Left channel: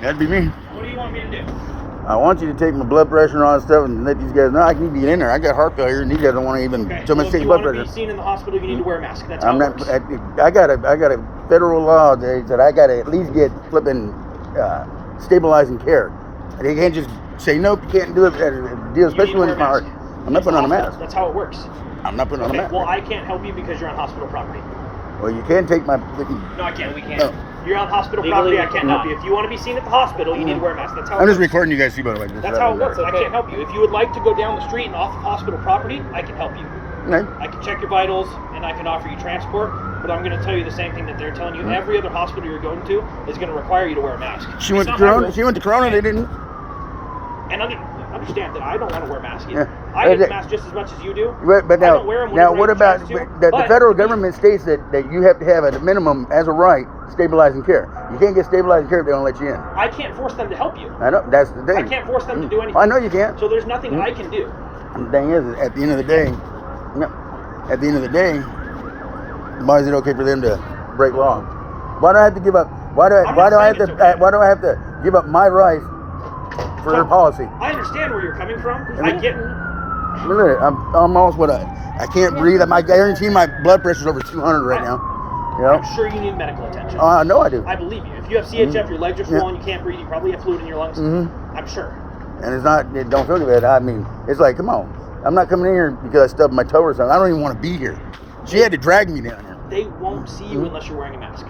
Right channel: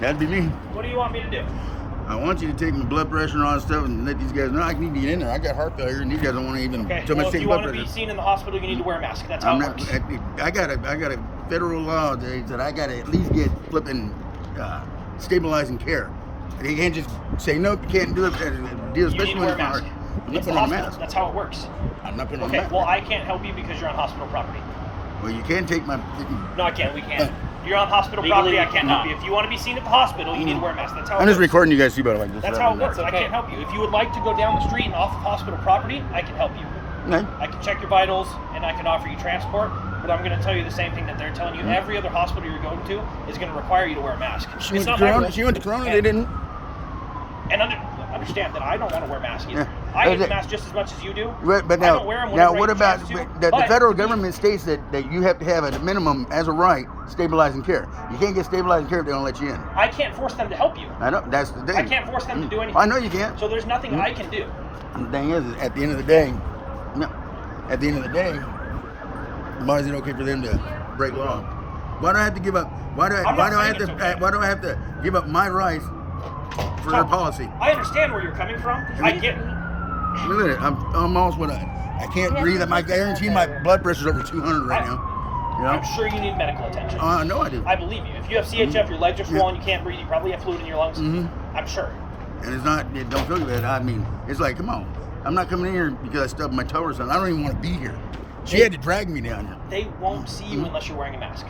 That'd be me. What do you want me to do? I want you to take my blood pressure and all that stuff and let these guys know I need to get in there. I got heart failure and these guys don't want to even tell me to take blood pressure. If you want to be seen in the hospital, you need to wear a mask. That's how I'm it not. works. I got a federal law that I got to at least get flipping stabilizing care. They can't just say nope. You can't do it. Deal, especially when it's my heart. I'm not putting on a mask. That's how it works. I'm not putting on a mask. Well, I can't help you because you're on hospital property. Well, you can't take my. No, I can't. We can't. No. You're on hospital property. I can't help you. If you want to be seen at the hospital, you need to wear a mask. That's how. I'm just recording you guys. See about it. That's how it works. I can't help you. If you would like to go down the street and off of hospital property, I can help you. Okay. I can check your vitals and I can offer you transport. But I'm going to tell you the same thing that they're telling you. Every other hospital you're going to is going to require you to wear a mask. She went to Corona. She went to Corona. They didn't. And understand that I don't want to wear a mask either. I hate the mask just as much as you do. Right, but now, I don't wear them now what about the federal government states that you have to have at a minimum as a right stabilizing care. You can't get stabilizing care if they don't let you in. I can't force them to help you. I know, that's the thing. I can't force them to do anything. I know you can't. So there's nothing I can do. The thing is, at the end of the day, why is it okay for them to break law? Why do I have to give up? Why do I have to give up my rights for their policy? I understand where you're coming from. I get. I mean, look, I'm almost I can't breathe. I guarantee my blood pressure's over 200 right now. You know? I'm sure you need medical attention. I know I do. I believe you. If you have CHF, your legs are swollen, you can't breathe, you probably have fluid in your lungs. I'm sure. And it don't feel good. I mean, it's like, come on. I'm not coming in here because I stubbed my toe or something. I don't even want to be here. She had to drag me down here. They won't see you unless you're wearing a mask.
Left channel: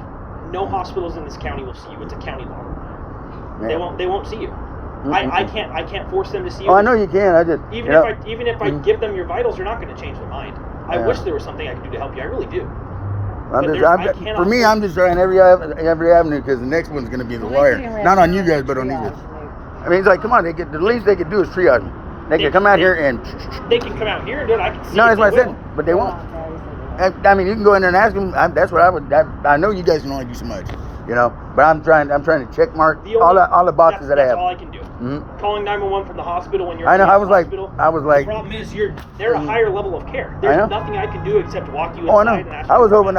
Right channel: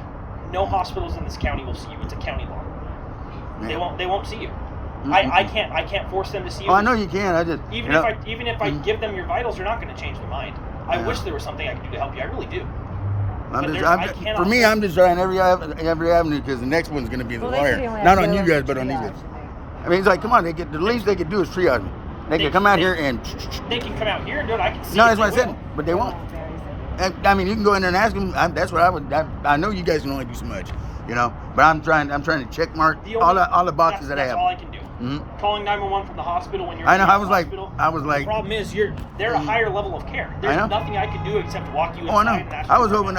No hospitals in this county will see you. It's a county law. Yeah. They won't see you. I can't force them to see you. Oh, I know you can. I just even if I give them your vitals, they're not going to change their mind. I wish there was something I could do to help you. I really do. For me, I'm just trying every avenue because the next one's going to be the lawyer. Not on you guys, but on these guys. I mean, it's like, come on, the least they could do is triage me. They can come out here and. They can come out here and do it. I can see. No, that's what I said, but they won't. I mean, you can go in there and ask them. That's what I would. I know you guys can only do so much, you know. But I'm trying to check mark all the boxes that I have. That's all I can do. Calling 911 from the hospital when you're. I know. I was like. The problem is they're a higher level of care. There's nothing I can do except walk you inside. Oh, I know. I was hoping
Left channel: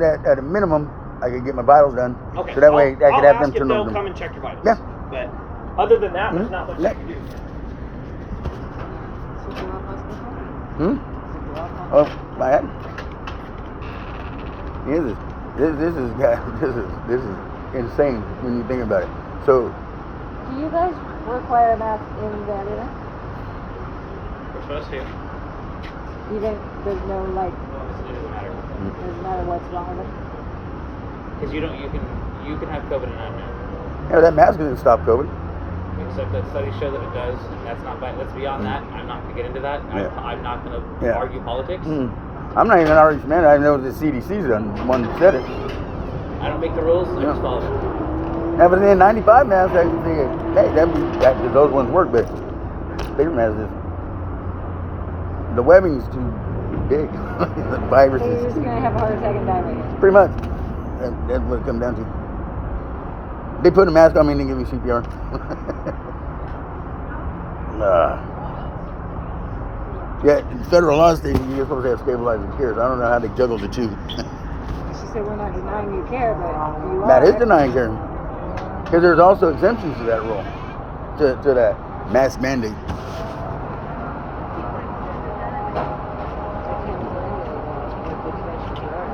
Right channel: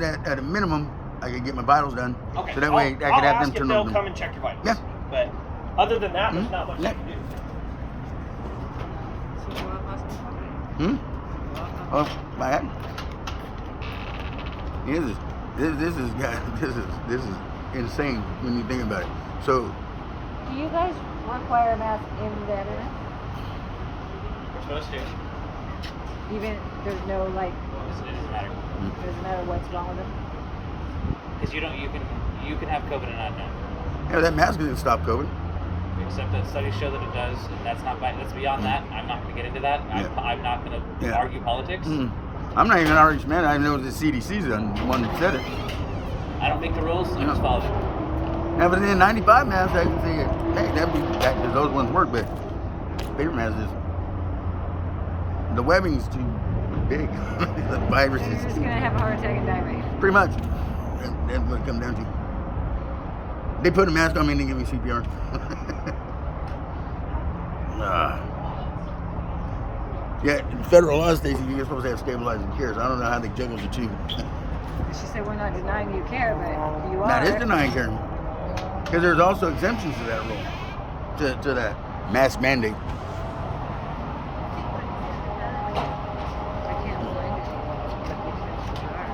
that at a minimum I could get my vitals done. Okay. So that way I could have them turn they'll over. come and check your vitals. Yeah. But other than that, there's not much I can do. Oh, my head. This is insane when you think about it. So, do you guys require a mask in the ambulance? We're supposed to. Even there's no like. It doesn't matter. It doesn't matter what's wrong with them. Because you can have COVID and not know. Yeah, that mask doesn't stop COVID. Except that studies show that it does, and that's beyond that. I'm not going to get into that. Yeah. I'm not going to argue politics. I'm not even an arguing man. I know the CDC's the one who said it. I don't make the rules. I just follow them. Yeah, but then 95 masks, I can say, hey, those ones work, but paper masks the webbing's too big. The virus so you're just going to have a heart attack and die right here. Pretty much. That's what it comes down to. They put a mask on me and they give me CPR. Yeah, in federal law states you're supposed to have stabilizing care. So I don't know how they juggle the two. She said we're not denying you care, but you are. That is denying care. Because there's also exemptions to that rule, to that mask mandate. I can't find what the exemptions are.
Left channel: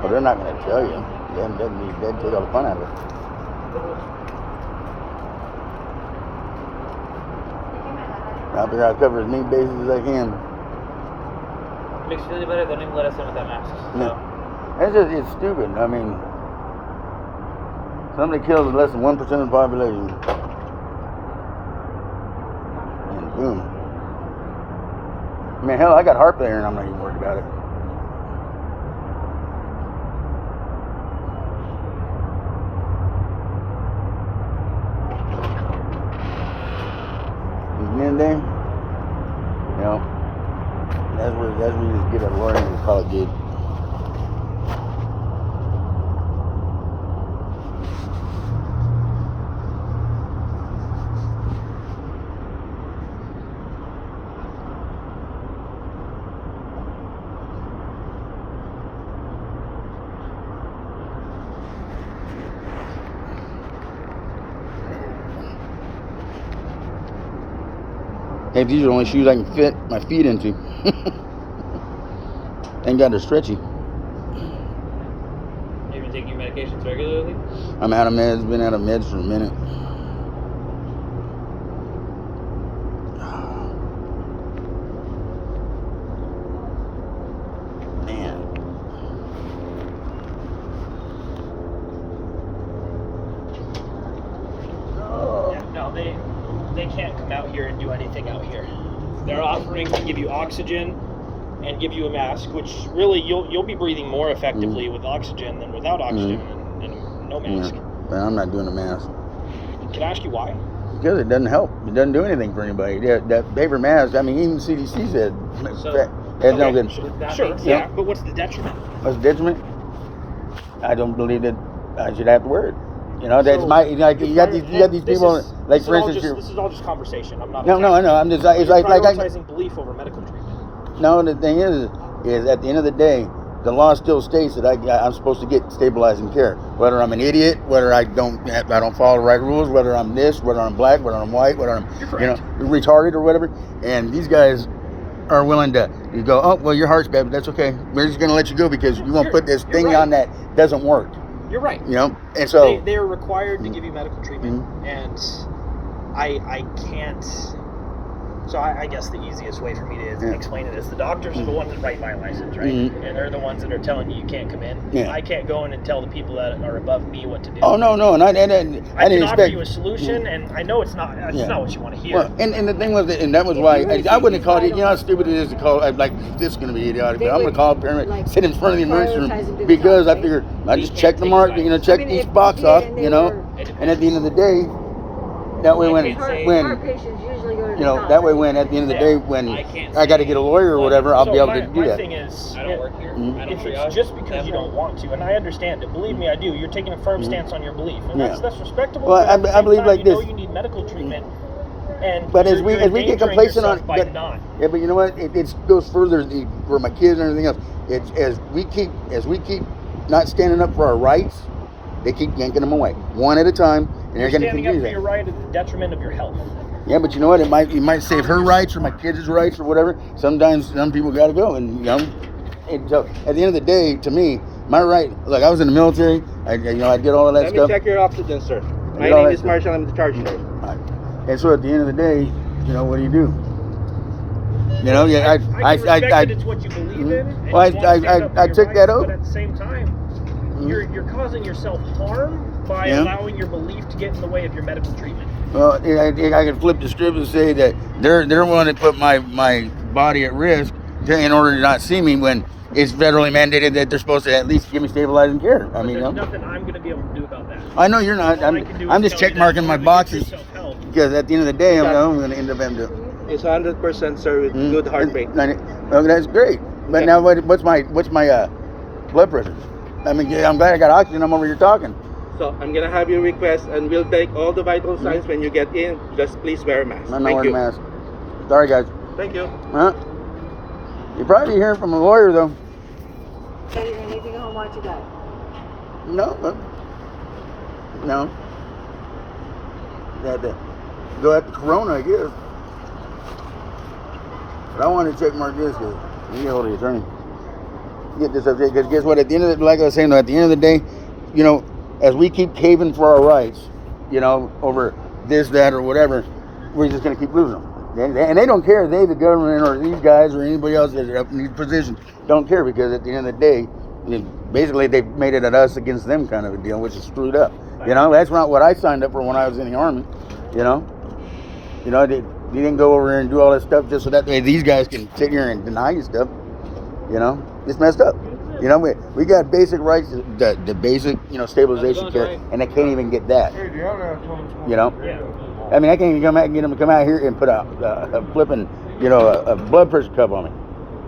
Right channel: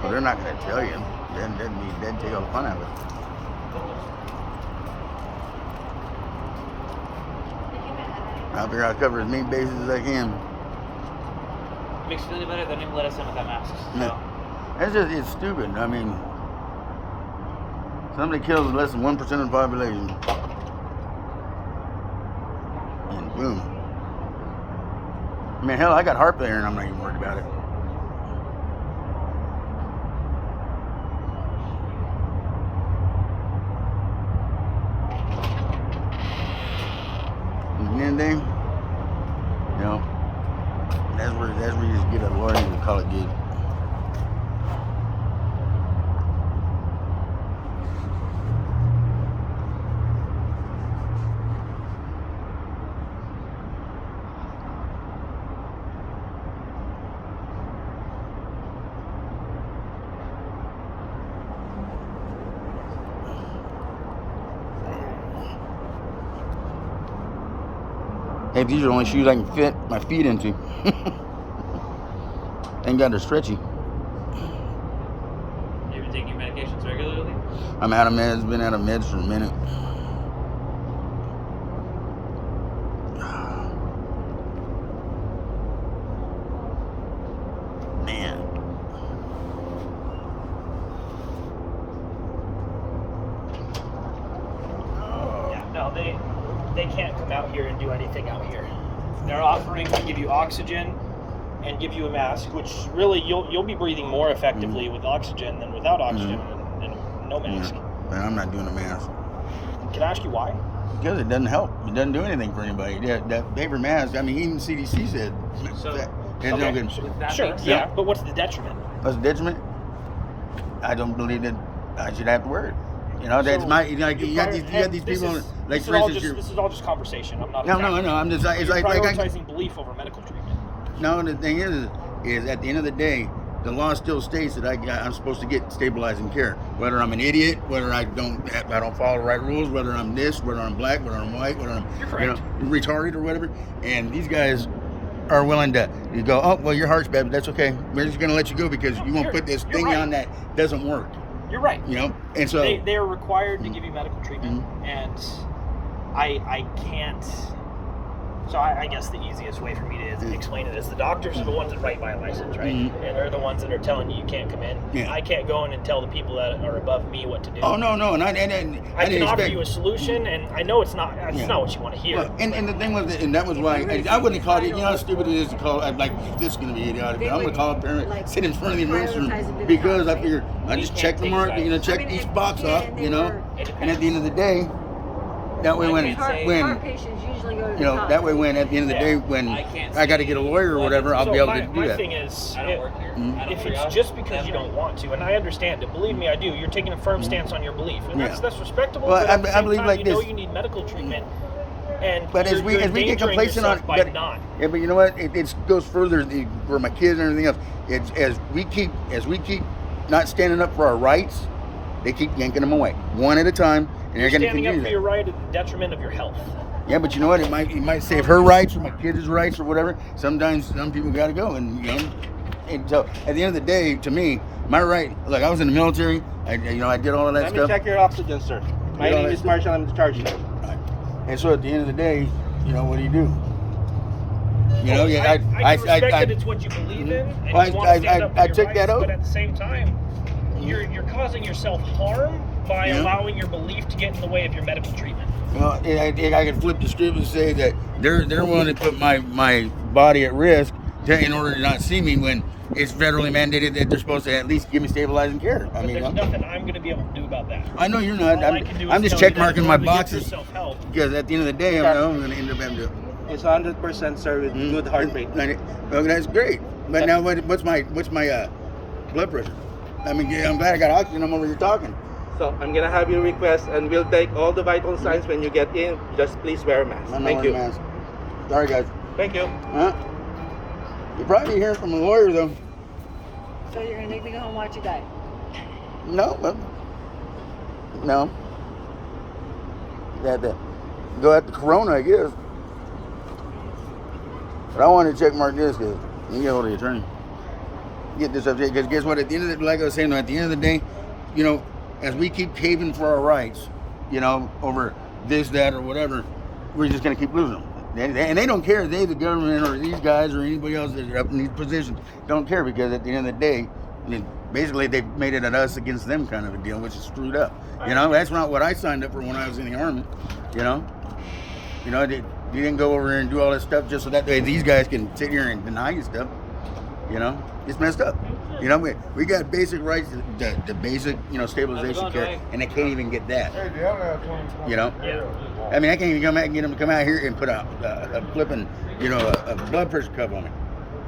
Well, they're not going to tell you. That'd take all the fun out of it. I figure I'll cover as many bases as I can. It makes you feel any better. They don't even let us in without masks. So. It's stupid. I mean, somebody kills less than 1% of the population. And boom. I mean, hell, I got heart failure and I'm not even worried about it. And then, you know, that's where you just get a lawyer and call it good. Hey, these are the only shoes I can fit my feet into. Thank God they're stretchy. Have you been taking your medications regularly? I'm out of meds. Been out of meds for a minute. Man. Yeah, no, they can't come out here and do anything out here. They're offering to give you oxygen and give you a mask, which really you'll be breathing more effectively with oxygen than without oxygen and no mask. Yeah, but I'm not doing a mask. Can I ask you why? Because it doesn't help. It doesn't do anything for anybody. That paper mask, I mean, even CDC said it's no good. Sure, yeah, but what's the detriment? What's the detriment? I don't believe that I should have to wear it. You know, that's my, like, you got these people, like, for instance, this is all just conversation. I'm not. No, I know. I'm just, it's like prioritizing belief over medical treatment. No, the thing is at the end of the day, the law still states that I'm supposed to get stabilizing care. Whether I'm an idiot, whether I don't follow the right rules, whether I'm this, whether I'm black, whether I'm white, whether I'm retarded or whatever. And these guys are willing to go, oh well, your heart's bad, but that's okay. We're just gonna let you go because you won't put this thing on that doesn't work. You're right. You know, and so they are required to give you medical treatment, and I can't. So I guess the easiest way for me to explain it is the doctors are the ones that write my license, right? And they're the ones that are telling you can't come in. Yeah. I can't go in and tell the people that are above me what to do. Oh no, and I didn't can expect offer you a solution, and I know it's not what you want to hear. Well, and the thing was, and that was why I wouldn't have called it. You know how stupid it is to call. I'm like, this is going to be idiotic. But I'm going to call a paramedic, sit in front of the emergency room because I figured I just check the mark, check each box off, and at the end of the day, that way when patients usually go to the top. that way when at the end of the day when I got to get a lawyer or whatever, I'll be able to do that. The thing is, if it's just because you don't want to, and I understand it, believe me, I do. You're taking a firm stance on your belief, and that's respectable. Well, I believe like this. You need medical treatment, but as we get complacent on, but you know what? It goes further for my kids and everything else. It's as we keep not standing up for our rights, they keep yanking them away one at a time, and they're going to continue that. Standing up for your right at the detriment of your health. Yeah, but you know what? It might save her rights or my kids' rights or whatever. Sometimes some people got to go, and and so at the end of the day, to me, my right. Like I was in the military. I did all of that stuff. Let me check your oxygen, sir. My name is Marshall. I'm the charge nurse. Right. And so at the end of the day, what do you do? I respect that it's what you believe in. And Well, you want to stand up for I your took rights, that oath. But at the same time, you're causing yourself harm by allowing your belief to get in the way of your medical treatment. Well, I could flip the script and say that they're willing to put my body at risk in order to not see me when it's federally mandated that they're supposed to at least give me stabilizing care. But there's nothing I'm going to be able to do about that. I know you're not. I'm just check marking my boxes because at the end of the day, I'm going to end up having to. It's 100%, sir, with good heart rate. Well, that's great. But now, what's my blood pressure? I mean, I'm glad I got oxygen. I'm over here talking. So I'm gonna have your request, and we'll take all the vital signs when you get in. Just please wear a mask. I'm not wearing a mask. Sorry, guys. Thank you. Huh? You're probably hearing from a lawyer, though. So you're going to take me home and watch you die? No, well, no. Had to go at the corona, I guess. But I wanted to check mark this because you get hold of the attorney. Get this up there because guess what? At the end of the, like I was saying, at the end of the day, as we keep caving for our rights, over this, that, or whatever, we're just going to keep losing them. And they don't care. They, the government, or these guys, or anybody else that are up in these positions, don't care because at the end of the day, basically they've made it at us against them kind of a deal, which is screwed up. That's not what I signed up for when I was in the Army. They didn't go over here and do all this stuff just so that way these guys can sit here and deny you stuff. It's messed up. We got basic rights, the basic, stabilization care, and they can't even get that. I mean, I can't even get them to come out here and put a flipping, a blood pressure cuff on me.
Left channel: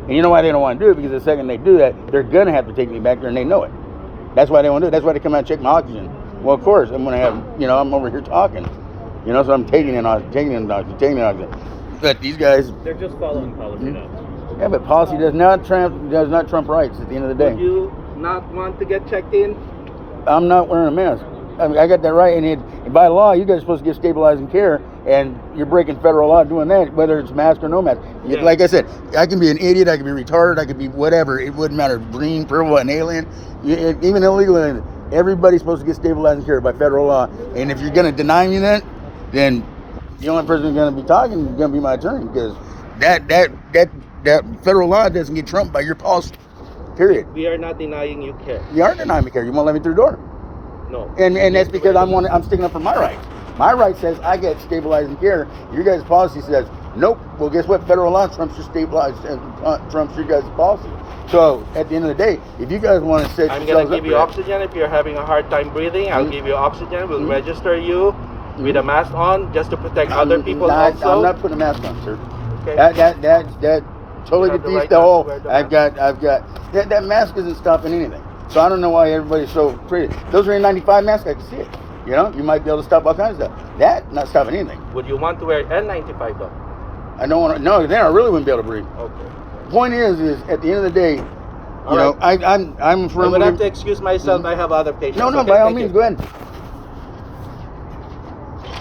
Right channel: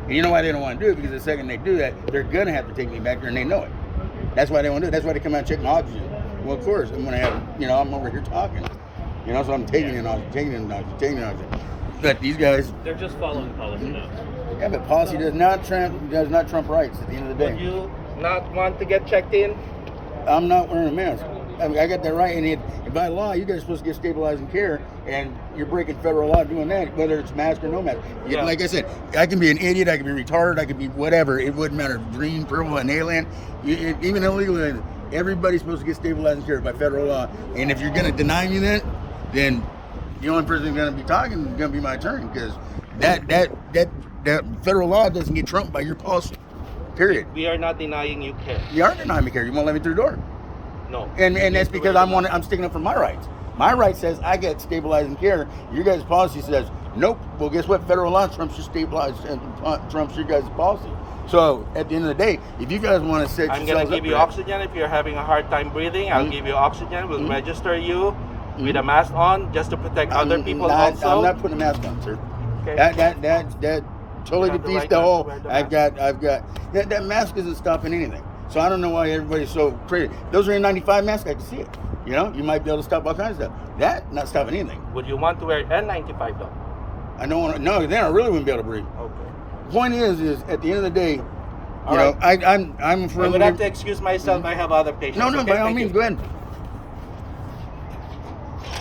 And you know why they don't want to do it? Because the second they do that, they're going to have to take me back there, and they know it. That's why they want to do it. That's why they come out and check my oxygen. Well, of course, I'm going to have, I'm over here talking. So I'm taking in oxygen. But these guys... They're just following policy now. Yeah, but policy does not trump rights at the end of the day. Would you not want to get checked in? I'm not wearing a mask. I got that right, and by law, you guys are supposed to get stabilizing care, and you're breaking federal law doing that, whether it's mask or no mask. Yeah. Like I said, I can be an idiot, I can be retarded, I could be whatever. It wouldn't matter. Green, purple, an alien, even illegal alien. Everybody's supposed to get stabilizing care by federal law. And if you're going to deny me that, then the only person who's going to be talking is going to be my attorney, because that federal law doesn't get trumped by your policy. Period. We are not denying you care. You aren't denying me care. You won't let me through the door. No. And that's because I'm sticking up for my rights. My right says I get stabilizing care. Your guys' policy says nope. Well, guess what? Federal law trumps your stabilized and trumps your guys' policy. So at the end of the day, if you guys want to set I'm yourselves gonna up give you for oxygen if you're having a hard time breathing. I'll give you oxygen. We'll register you with a mask on just to protect other people. I'm not putting a mask on, sir. Okay. That totally You have the defeats right the to whole. wear the I've got that mask isn't stopping anything. So I don't know why everybody's so pretty. Those are N95 masks. I can see it. You know, you might be able to stop all kinds of stuff. That not stopping anything. Would you want to wear N95 though? I don't want to. No, then I really wouldn't be able to breathe. Okay. Point is at the end of the day, you know, right. I'm a I'm firm gonna have to believer. excuse myself. I have other patients. No, Okay, by all thank means, you. go ahead.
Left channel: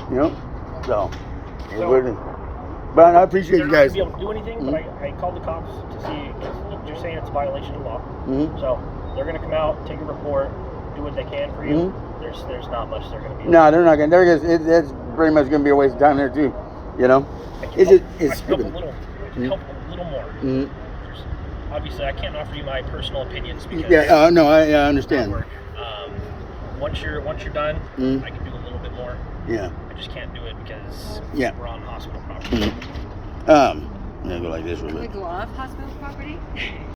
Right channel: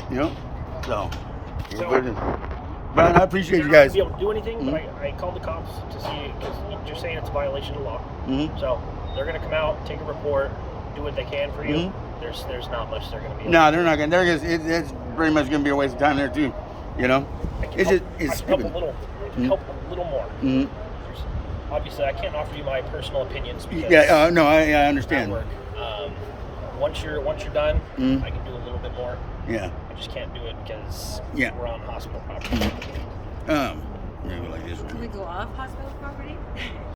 You know, so. But I appreciate you guys. You're not gonna be able to do anything, but I called the cops to see, because you're saying it's a violation of law. So they're gonna come out, take a report, do what they can for you. There's not much they're gonna be. No, they're not gonna. It's pretty much gonna be a waste of time there too. You know, it's stupid. Help a little more. Obviously, I can't offer you my personal opinions because No, I understand. work. Once you're done, I can do a little bit more. Yeah. I just can't do it because Yeah. we're on hospital property. I'm gonna go like this real Can we quick. go off hospital property?